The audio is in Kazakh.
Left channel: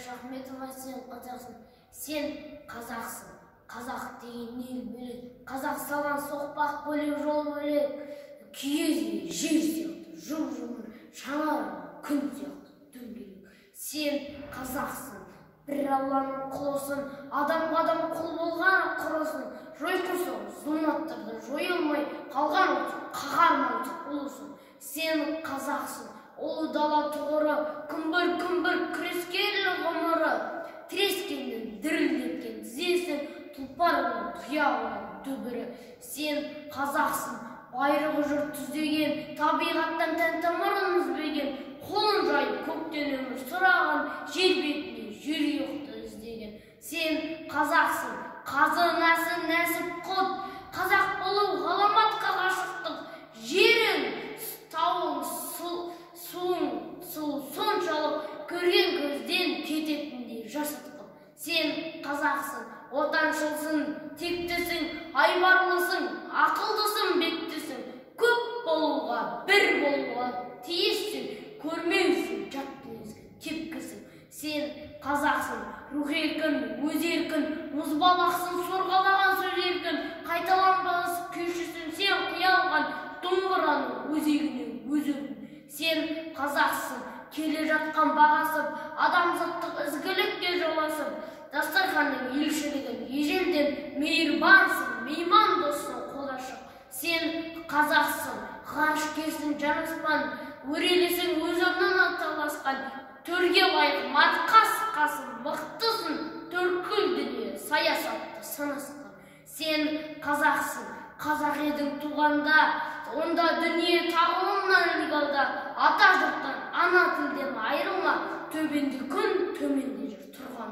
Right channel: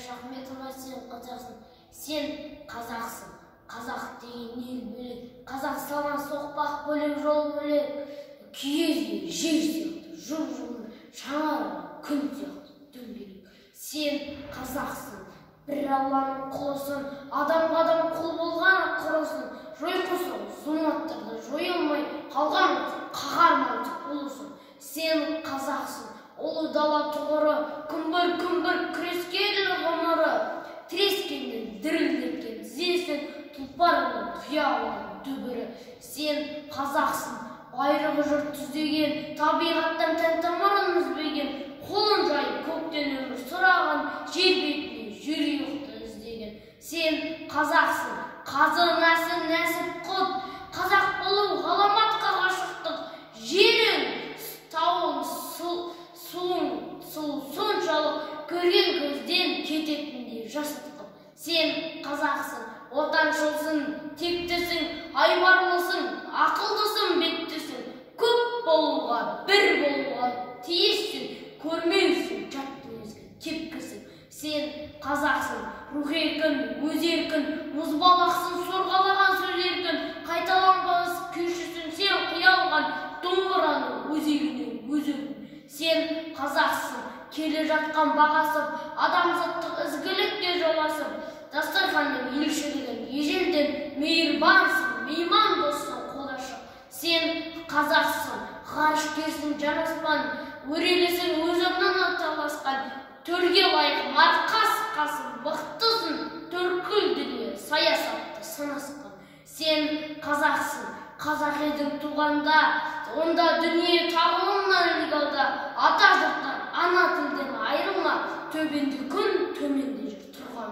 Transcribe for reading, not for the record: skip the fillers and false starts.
Айдаш Ахметова, сен қазақсың. Сен қазақсың. Қазақ деген ел бөлек. Қазақ салған соқпақ бөлек, жол бөлек. Киіз жер сияқты, жұп-жұмыр, шаңар күн сияқты, дөңгелек. Сен қазақсың. Bir Allah'ın kulusun, adam kul болған құрысын, жойқырсың, зұлматтарды жойылмай қалған қағармайды ұлысың. Сен қазақсың, ұлы дала тұғыры, күмбір күрескерлі ғұмыры, тірескеннен дірілдеткен зесін, тұлпарының тұяғының дүбірі. Сен қазақсың, байрығы жұрт түздеген, табиғаттан тән-тамырын үзбеген, қолын жайып көктен өмір сұраған, жер бетіне жүректі іздеген. Сен қазақсың, қазы нәсіп құт, қазақ болу ғаламатқа ғашықтық. Жерің, тауың, суың, соншалық көрген көзден кететіндей жасытқып. Сен қазақсың, отаншылсың, тектісің, айбарлысың, ақылдысың, беттісің. Көп болуға, бір болуға тиіссің, көрмеусің, жат мінезге тепкісің. Сен қазақсың, рух еркін, өз еркін, мұзбалақсың, сорғалаған сөз еркін, қайталанбас күйшісің, сен қиялған домбыраның өзегіне өзегін. Сен қазақсың, келе жатқан бағасып, адамзаттық ізгілікке жоласып, дастарханның елшілігін ежелден мейірбансың, мейман доссың, қолашық. Сен қазақсың, ғарышкерсің, жанаспан, өрелесің, өз орнынан таласқан, төрге лайық марқас-қасың, мықтысың, төрткіл дүние саясатты санасқан. Сен қазақсың, қазақ едің туғанда, онда дүние тағылымнан ілгалда, ата жұрттан, ана тілден айырылма, төбенде күн, төменде жер тұрған